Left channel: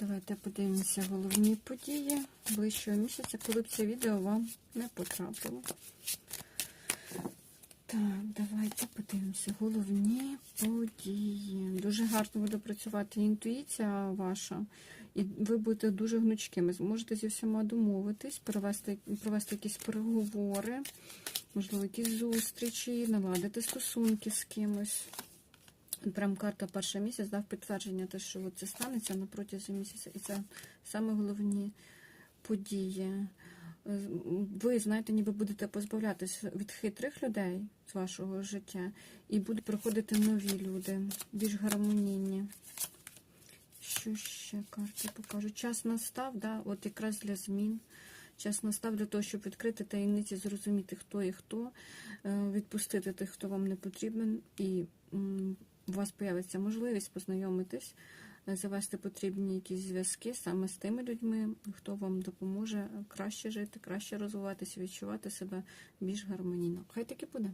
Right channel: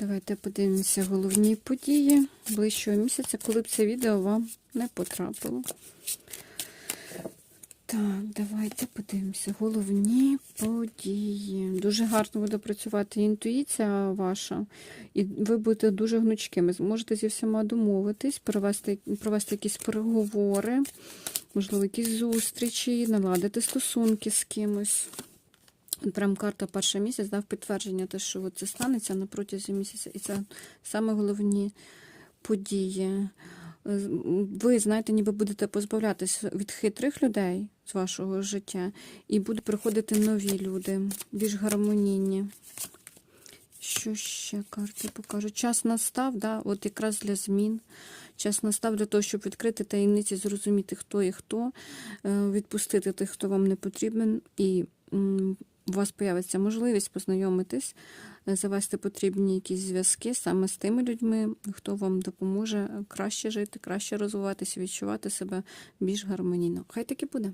Давайте подивимося головні події ближчого місяця, коли б це відео вам не потрапило. Так, давайте подивимося. Головні події. Дуже гарно буде працювати інтуїція ваша, і ви будете дуже гнучкими. Зможете зі всіма домовитись, провести, провести якісь переговори, можливо, якісь зустрічі, наладити стосунки з кимось. Прям карта перший місяць дав підтвердження, те, що це станеться на протязі місяця. І це саме головні події. Ви, знаєте, ніби будете позбавлятись від хитрих людей з вашого життя, і будуть приходити нові люди, більш гармонійні. Що ще карти покажуть? Час настав, да, от якраз для змін. Час настав для того, щоб відкрити таємниці, зрозуміти, хто і хто, е, відпустити тих, хто вам не потрібен, і у вас появиться можливість познайомитись, е, завести потрібні якісь зв'язки саме з тими людьми, хто вам допоможе краще жити, краще розвиватися, відчувати себе більш гармонійно. Хай таки буде.